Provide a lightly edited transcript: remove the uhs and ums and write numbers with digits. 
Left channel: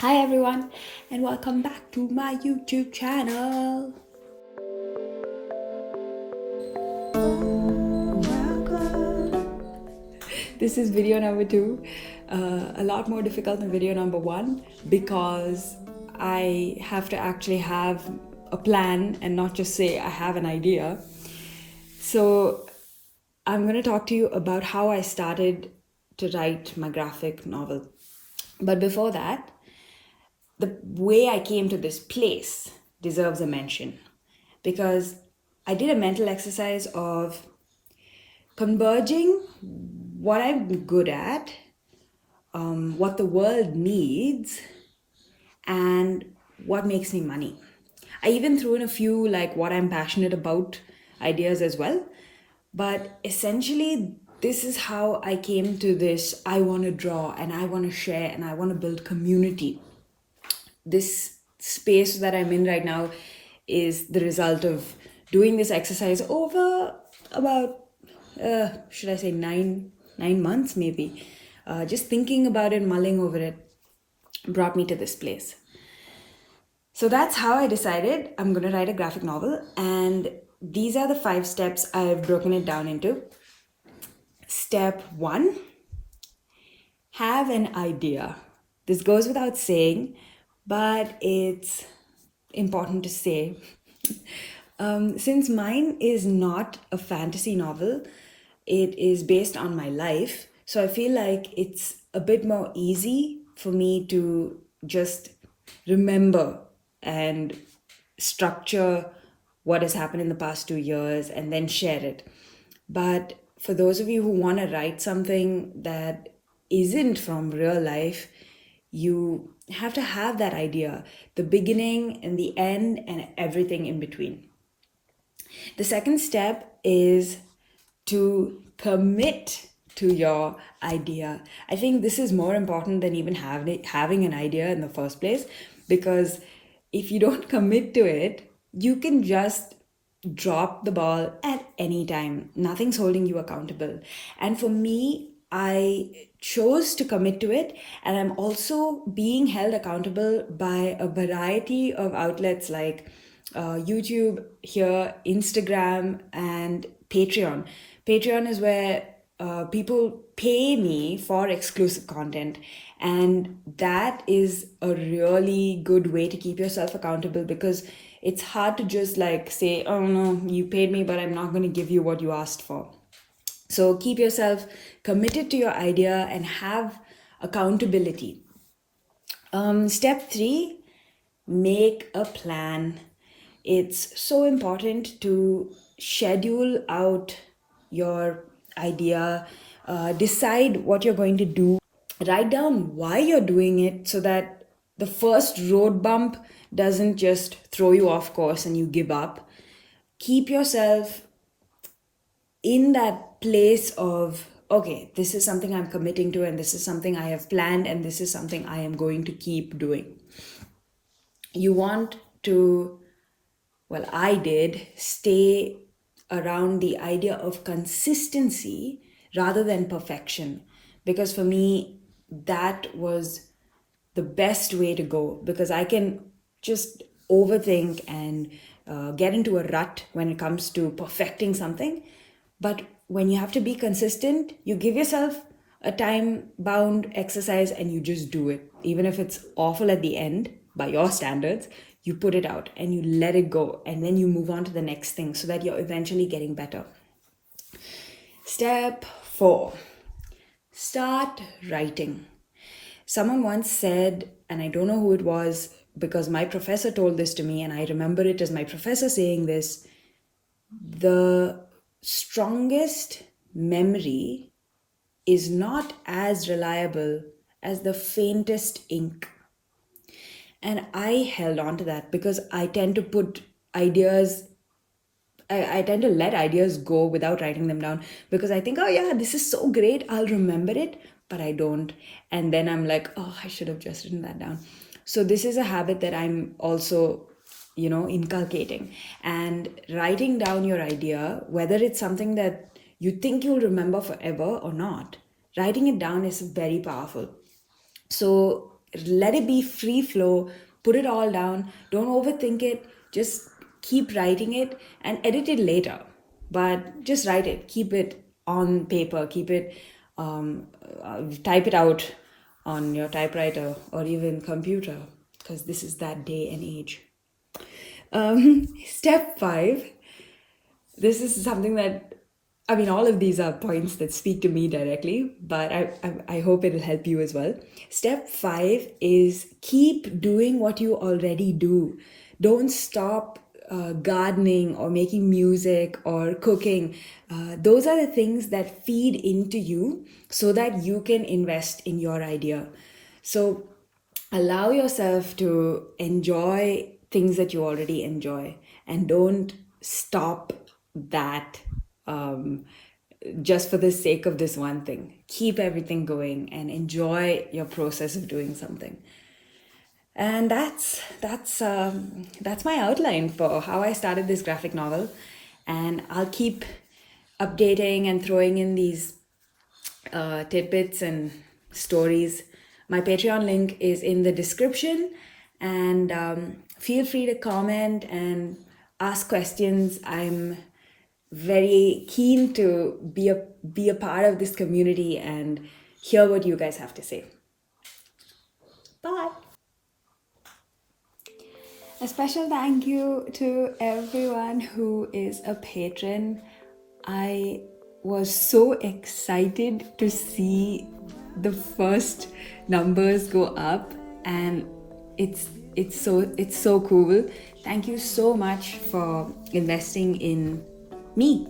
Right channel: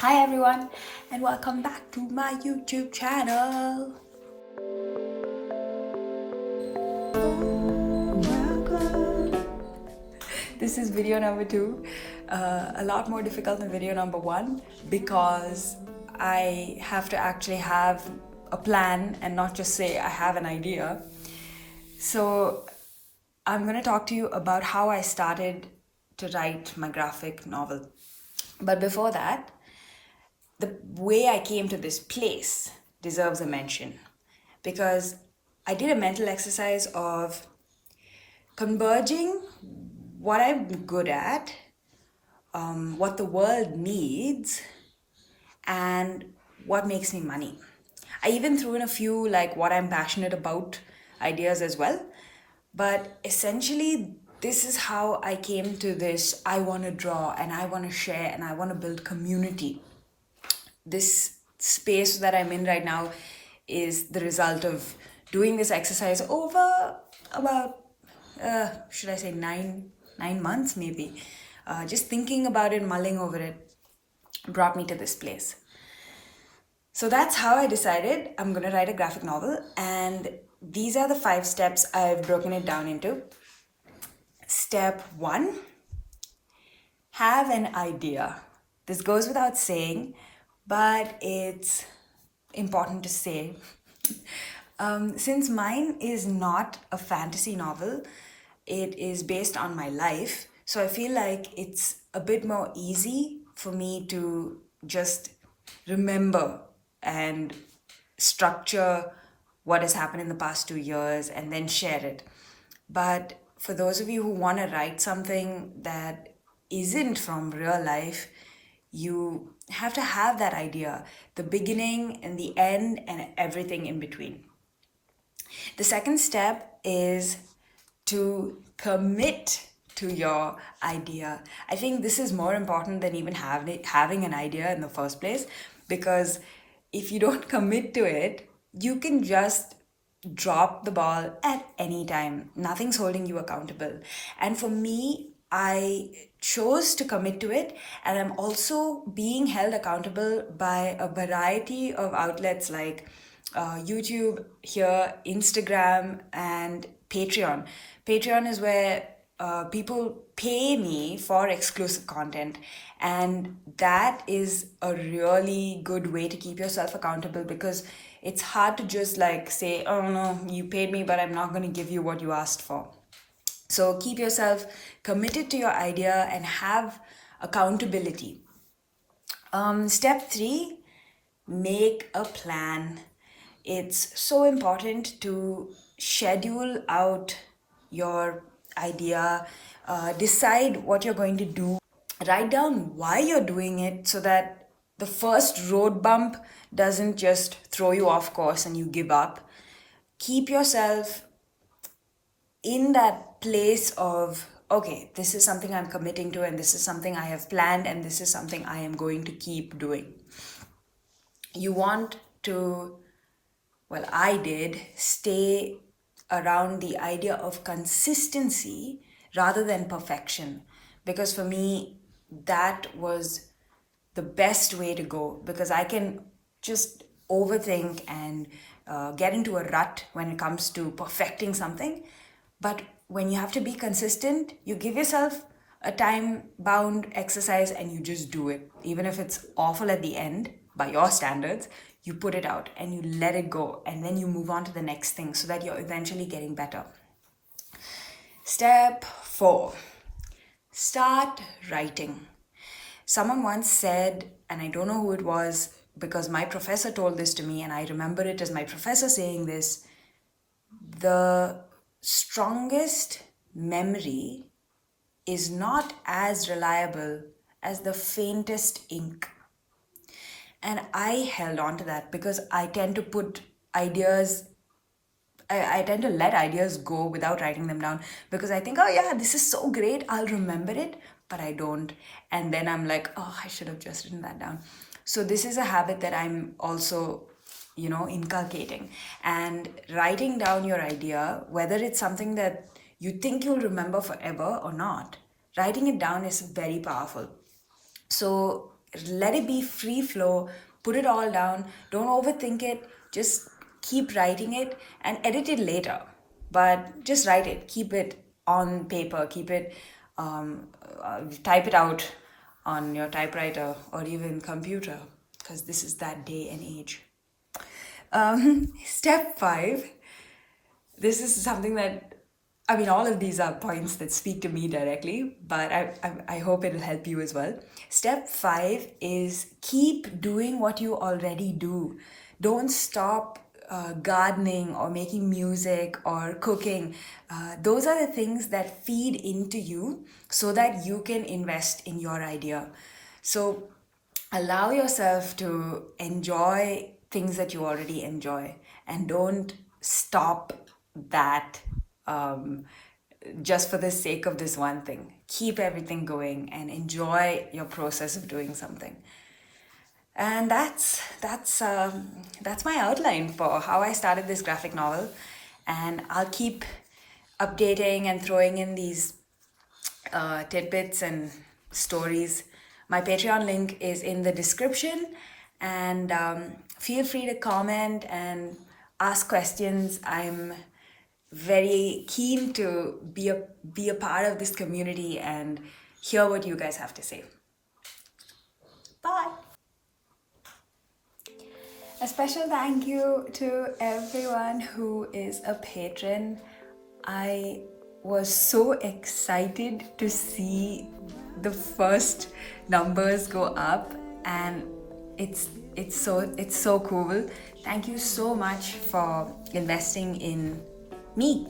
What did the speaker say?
Hi everyone, and welcome back to my YouTube channel. This is video number two, a lot more difficult than video number one because I have to actually have a plan and not just say I have an idea. So I'm going to talk to you about how I started to write my graphic novel. But before that, the way I came to this place deserves a mention because I did a mental exercise of converging what I'm good at, what the world needs, and what makes me money. I even threw in a few like what I'm passionate about ideas as well. But essentially, this is how I came to this I want to draw and I want to share and I want to build community. This space that I'm in right now is the result of doing this exercise over about should I say nine months maybe. Just thinking about it, mulling over it, brought me to this place. So that's how I decided I'm going to write a graphic novel, and these are the 5 steps I've broken it down into. Step 1, have an idea. This goes without saying, but it's important to say. Since mine is not a fantasy novel, it is based on my life. So I feel like it's a bit more easy for me to just remember and structure what has happened in the past 2 years and then share it. But for those of you who want to write something that isn't from real life, you have to have that idea, the beginning and the end and everything in between. The second step is to commit to your idea. I think this is more important than even having an idea in the first place, because if you don't commit to it, you can just drop the ball at any time. Nothing's holding you accountable. And for me, I chose to commit to it, and I'm also being held accountable by a variety of outlets like YouTube here, Instagram, and Patreon. Patreon is where people pay me for exclusive content, and that is a really good way to keep yourself accountable, because it's hard to just like say, oh no, you paid me, but I'm not going to give you what you asked for. So keep yourself committed to your idea and have accountability. Step 3, make a plan. It's so important to schedule out your idea, decide what you're going to do, write down why you're doing it so that the first road bump doesn't just throw you off course and you give up. Keep yourself in that place of, okay, this is something I'm committing to, and this is something I have planned, and this is something I am going to keep doing. You want to, well, I did stay around the idea of consistency rather than perfection, because for me, that was the best way to go, because I can just overthink and get into a rut when it comes to perfecting something. But when you have to be consistent, you give yourself a time bound exercise and you just do it. Even if it's awful at the end by your standards, you put it out and you let it go, and then you move on to the next thing so that you're eventually getting better. Step 4, start writing. Someone once said, and I don't know who it was because my professor told this to me, and I remember it as my professor saying this: the strongest memory is not as reliable as the faintest ink. And I held on to that because I tend to put ideas, I tend to let ideas go without writing them down, because I think, oh yeah, this is so great, I'll remember it, but I don't. And then I'm like, oh, I should have just written that down. So this is a habit that I'm also, inculcating. And writing down your idea, whether it's something that you think you'll remember forever or not, writing it down is very powerful. So let it be free flow, put it all down, don't overthink it, just keep writing it and edit it later. But just write it, keep it on paper, keep it, type it out on your typewriter or even computer, because this is that day and age. Step 5, this is something that, I mean, all of these are points that speak to me directly, but I hope it'll help you as well. Step 5 is keep doing what you already do. Don't stop gardening or making music or cooking. Those are the things that feed into you so that you can invest in your idea. So allow yourself to enjoy things that you already enjoy and don't stop that just for the sake of this one thing. Keep everything going and enjoy your process of doing something. And that's my outline for how I started this graphic novel. And I'll keep updating and throwing in these tidbits and stories. My Patreon link is in the description, and feel free to comment and ask questions. I'm very keen to be a part of this community and hear what you guys have to say. Bye. A special thank you to everyone who is a patron. I was so excited to see the first numbers go up, and it's so cool. Thank you so much for investing in me.